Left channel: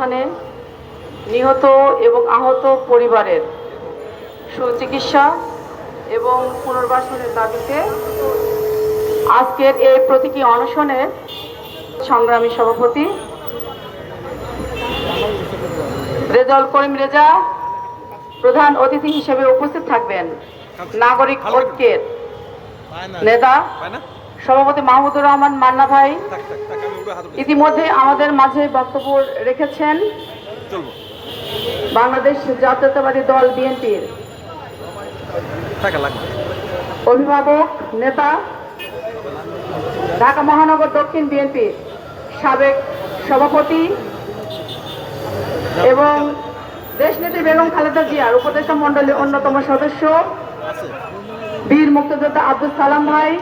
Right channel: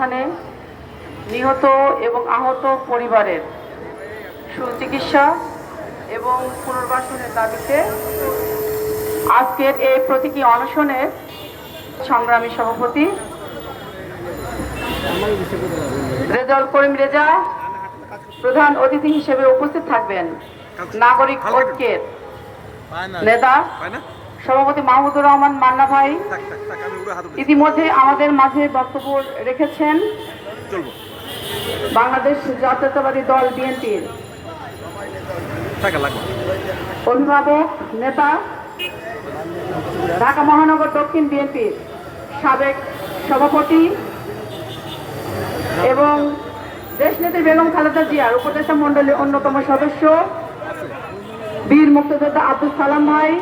অভ্যুত্থানে নিহত এবং আহত পরিবারের সুচিকিৎসা এবং পুনর্বাসনের দাবিতে আজকের এই প্রতীকী অনশনের সংগ্রামী সভাপতি রেজাউল করিম রেজা প্রধান অতিথি হিসেবে উপস্থিত থাকবেন। নাগরিক ঐক্যের নেতা সভাপতি মাহমুদুর রহমান মান্না ভাই ইতিমধ্যে আমাদের মাঝে বক্তব্য রেখেছেন। বাংলাদেশ জাতীয়তাবাদী দল বিএনপির অভিভাবক নেতা, ঢাকা মহানগর দক্ষিণ বিএনপির সাবেক সভাপতি এবং দেশনেত্রী বেগম খালেদা জিয়ার উপদেষ্টা মণ্ডলীর অন্যতম সদস্য বীর মুক্তিযোদ্ধা আব্দুল সালাম ভাই,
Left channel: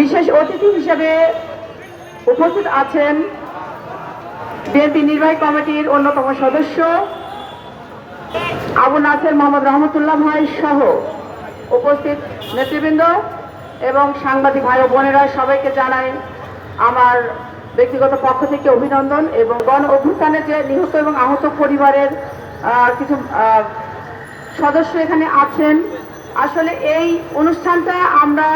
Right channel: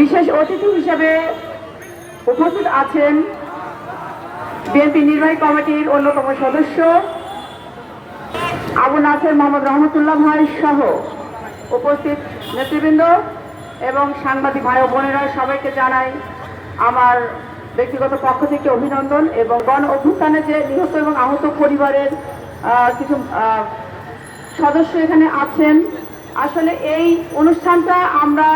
বিশেষ অতিথি হিসেবে উপস্থিত আছেন বিএনপি নির্বাহী কমিটির অন্যতম সদস্য আবু নাসের মোহাম্মদ রহমতুল্লাহ ভাই সহ উপস্থিত নেতৃবৃন্দ এবং সাংবাদিক ভাই ও বোনেরা, সবাইকে জানাই আমার ব্যক্তিগত পক্ষ থেকে অভিনন্দন। এবং গণ অভ্যুত্থানে যে নিহত এবং আহত পরিবারের কিছু সদস্য এখানে আছেন, আসলে এই অনুষ্ঠানটা আমরা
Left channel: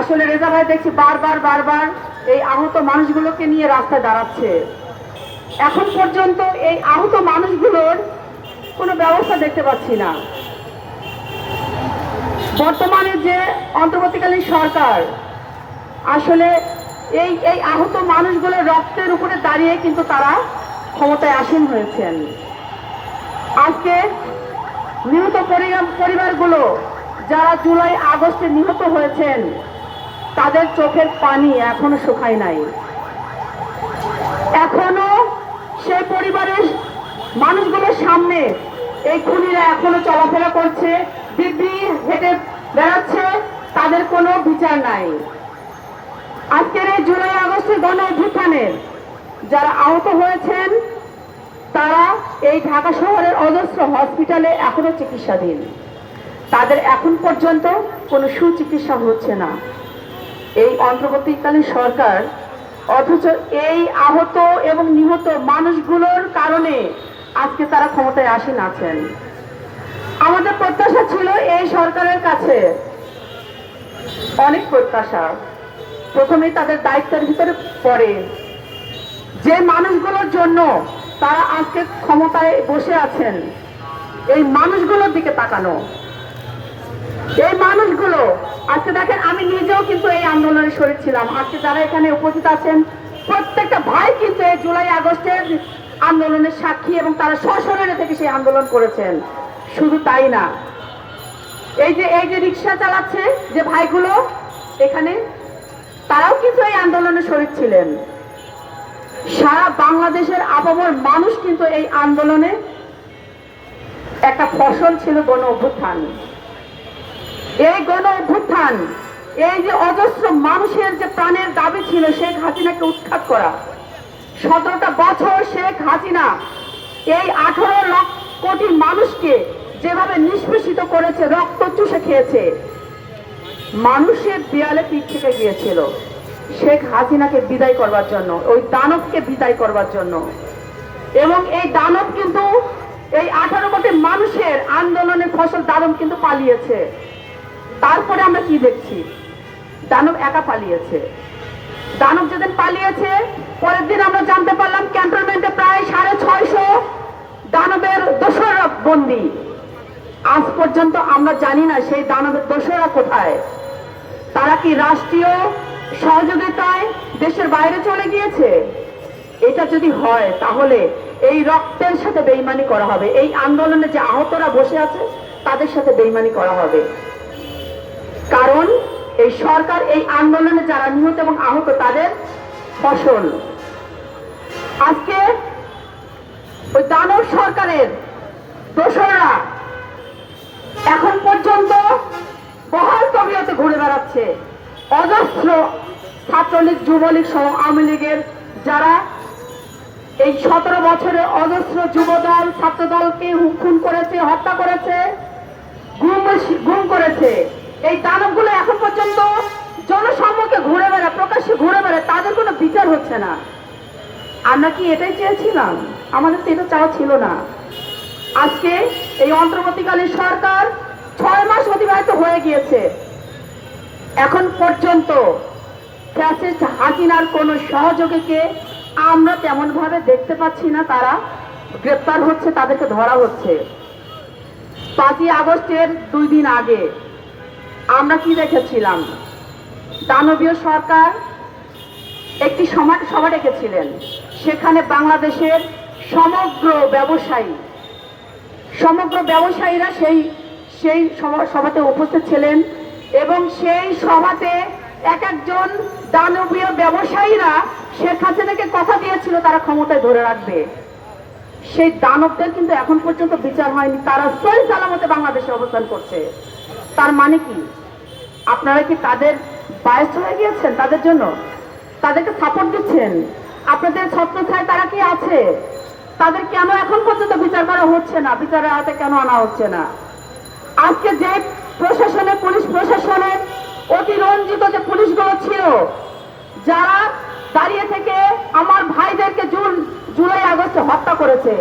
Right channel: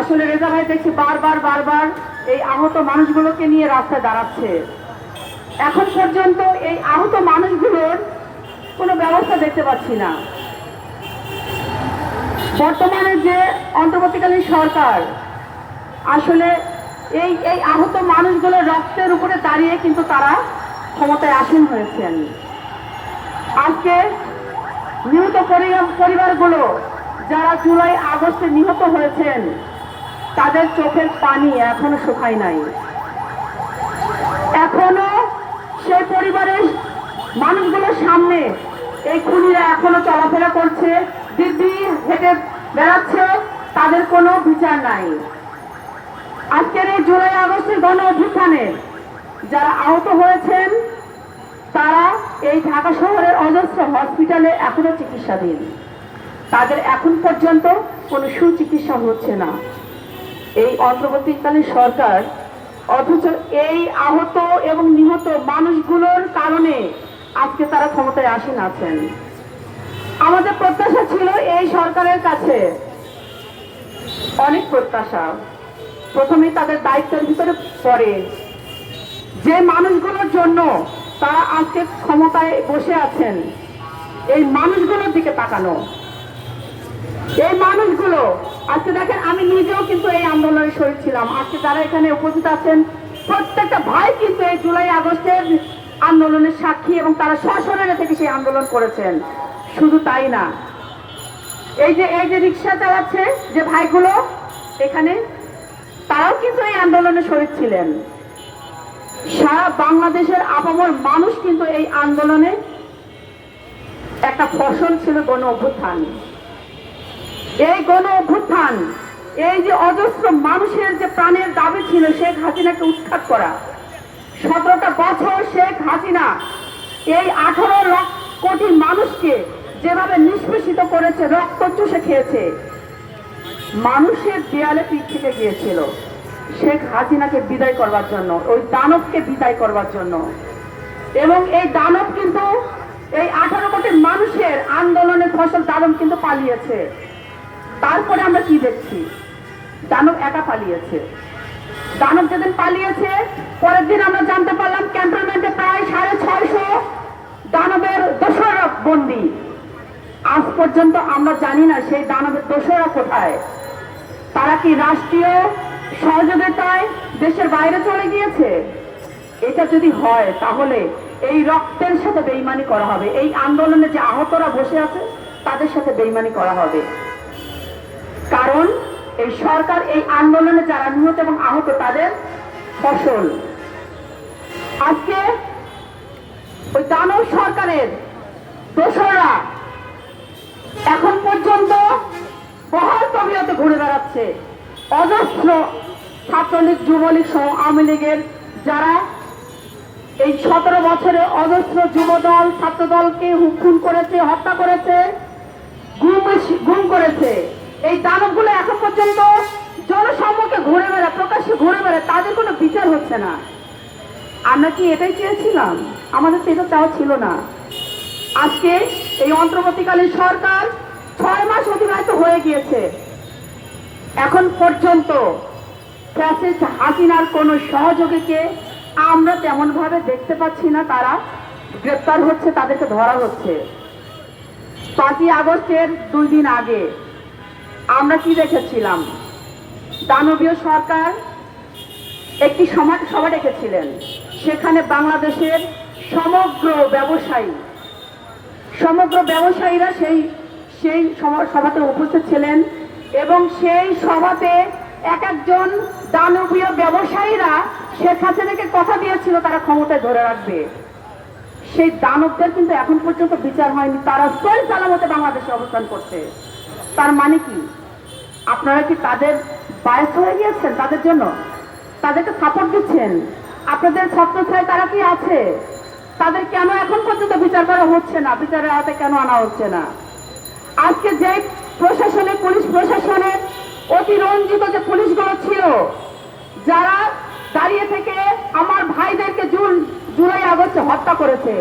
আসলে রেজা ভাই দেখছি বারবার এই আহত মানুষগুলোকে নিয়ে রাস্তায় দাঁড়াচ্ছে। এখন পর্যন্ত এই আহত মানুষগুলোর কোনো ব্যবস্থা দেখতে পাচ্ছি না। বর্তমানে যে অন্তর্বর্তীকালীন সরকার আসলে এই আহত মানুষগুলোর রক্তের উপরে দাঁড়িয়ে কিন্তু তারা ক্ষমতায় আসীন হয়েছেন। আজকে নিহত পরিবারগুলো যারা জুলাই আগস্টে নিহত হয়েছেন, তাদের চোখের পানি এখনো শুকায় নাই। এখনো সেই পরিবারের মানুষগুলোর সামনে এই খুনিরা এখনো চলাফেরা করছে, দিব্যি হেঁটে বেড়াচ্ছে, তাদের কোনো বিচার নাই। আজকের এই জুলাই আগস্টের গণ অভ্যুত্থানে যারা আহত হয়েছেন, তারা এই ঢাকা শহরের অজস্র হসপিটালে এখনো চিকিৎসাধীন। তাদের এখন পর্যন্ত কোনো সুচিকিৎসা হচ্ছে না এই অন্তর্বর্তীকালীন সরকার, অথচ এই আহত এবং নিহত মানুষগুলোর কারণে আজকে তারা ক্ষমতায় আসীন আছেন। আমাদের প্রত্যাশা ছিল এই সরকারের কাছে, অনেক প্রত্যাশা। প্রথমে তাদের দায়িত্বের ভিতরে পড়ে যে মানুষগুলোর জন্য তারা আজকে ক্ষমতায় বসে আছেন, এই মানুষগুলোর দিকে তাকানো। এই মানুষগুলো আজকে দেখেন, আমি নিজেও কিন্তু এই আন্দোলনে শরীক ছিলাম। আজকে যারা এখানে উপস্থিত আছেন প্রত্যেকটা ভাই কিন্তু এই জুলাই আগস্টের আন্দোলনের সাক্ষী এবং তারা সশরীরে থেকে সেই আন্দোলন করেছেন। শুধু তাই না, এই যে রিক্সা চালাচ্ছে যে ভাইগুলো এখানে, তারাও কিন্তু এই আন্দোলনে শরীক ছিলেন। সারা বাংলাদেশের আপামর মানুষ কিন্তু এই আন্দোলনে একটা ফসল ছিল গণ অভ্যুত্থান। এই গণ অভ্যুত্থান, এই যে অজস্র মানুষের যে প্রাণের দাবি ছিল শেখ হাসিনাকে উৎখাত করা, 17টা বছর শেখ হাসিনা এই 18 লক্ষ কোটি মানুষকে যেভাবে নিষ্পেষিত করেছে, রক্ত চুষে খেয়েছে, মানুষের দেয়ালে পিঠ থেকে গিয়েছিল শেখ হাসিনাকে বিদায় করবার জন্য, ওই দানবকে বিদায় করবার জন্য। এবং এই দানব কিন্তু এই 18 কোটি মানুষের আন্দোলনের ফসল দানব কিন্তু পালিয়েছে। তারপরে আমরা কি দেখছি, দানব একা পালিয়েছে। দানব যেদিন পালিয়েছে, পরের দিন আমরা জানতে পারলাম ক্যান্টনমেন্টে প্রায় 650 দানবের দোসরা বন্দী। আজ পর্যন্ত আমরা জানি না সেই দানবের দোসরা কোথায়। তারা কি রাষ্ট্রীয় সহযোগিতায় দেশের বাইরে চলে গিয়েছে? এটা যদি হয় তাহলে এই রক্তের সাথে বেইমানি করা হবে, এই আন্দোলনে যে আহতরা বসে আছে তাদের সাথে বেইমানি করা হবে। কারণ এই সরকার এই আন্দোলনে যারা নিহত এবং আহত তাদের ফসল। আজকে ওই দানব সরকারের দোসররা এখন পর্যন্ত বহাল তবিয়তে ঘুরে বেড়াচ্ছে। অজস্র ছাত্রলীগ, যুবলীগ সহ আওয়ামী লীগের যারা এই 17 বছরে অজস্র যুবদল ছাত্রদলকে খুন করেছে, হত্যা করেছে, গুম করেছে, এই দানবগুলো এখন পর্যন্ত জনসম্মুখে ঘুরে বেড়ায়, প্রকাশ্যে ঘুরে বেড়ায়, তাদের কোনো বিচার হচ্ছে না। আমরা কি এটাই চেয়েছিলাম? আমাদের তো এটা চাওয়া ছিল না। আজকে এই অন্তর্বর্তীকালীন সরকার 6 মাস অতিবাহিত হয়ে গিয়েছে, এখন পর্যন্ত ফ্যাসিস্ট হাসিনার কোন সহযোগীকে আমরা তেমন ভাবে দেখতে পাচ্ছি না। তারা গ্রেপ্তার হচ্ছে, তাদেরকে ধরা হচ্ছে। 5ই আগস্টের 2 দিন আগে আমরা কি দেখেছিলাম? দানবীয় সরকার একটি সভা ডেকেছিলেন, সেখানে বাংলাদেশের সমগ্র ব্যবসায়ীরা সেই সভাতে উপস্থিত ছিলেন এবং সেই সভাতে এক একজন দানবীয় ব্যবসায়ীরা শেখ হাসিনাকে কথা দিয়েছিল তারা ক্ষমতায় ধরে রাখবে। সেই দানবদের কিন্তু এখন পর্যন্ত বিচার হয়নি, তারা সহি সালামতে বাংলাদেশে অবস্থান করছে। তার মানে কি আপনারা কি তাদের বায়াস হয়ে গিয়েছেন? তাদের জন্য তাদেরকে সাপোর্ট দিচ্ছেন? আপনাদের ছত্রছায়ায় তারা কি আছে? তাদের কেন এখন পর্যন্ত বিচার করা হচ্ছে না? বিচারের আওতায় কেন আনা হচ্ছে না? আজকে যে পুলিশ প্রশাসনের অতিরঞ্জিত যে পুলিশগুলো ছিল, যারা দাঁড়িয়ে থেকে আমার ভাইদেরকে জুলাই আগস্টে হত্যা করেছে,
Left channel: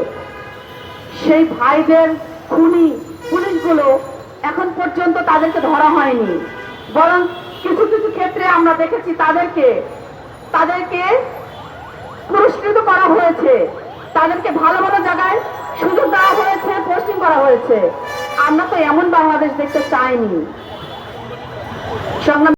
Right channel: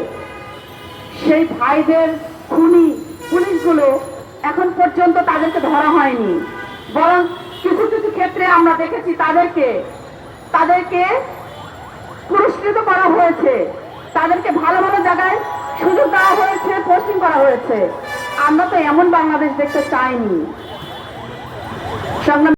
সেই ভাইদের খুনি পুলিশগুলো এখন পর্যন্ত তাদেরকে ধরা হয়নি, বরং কিছু কিছু ক্ষেত্রে আমরা দেখেছি তাদেরকে পুরস্কৃত করা হয়েছে, তাদেরকে ভালো ভালো জায়গায় সুযোগ দেওয়া হয়েছে, পোস্টিং করা হয়েছে। আমরা তো এমন বাংলাদেশ দেখতে চাইনি।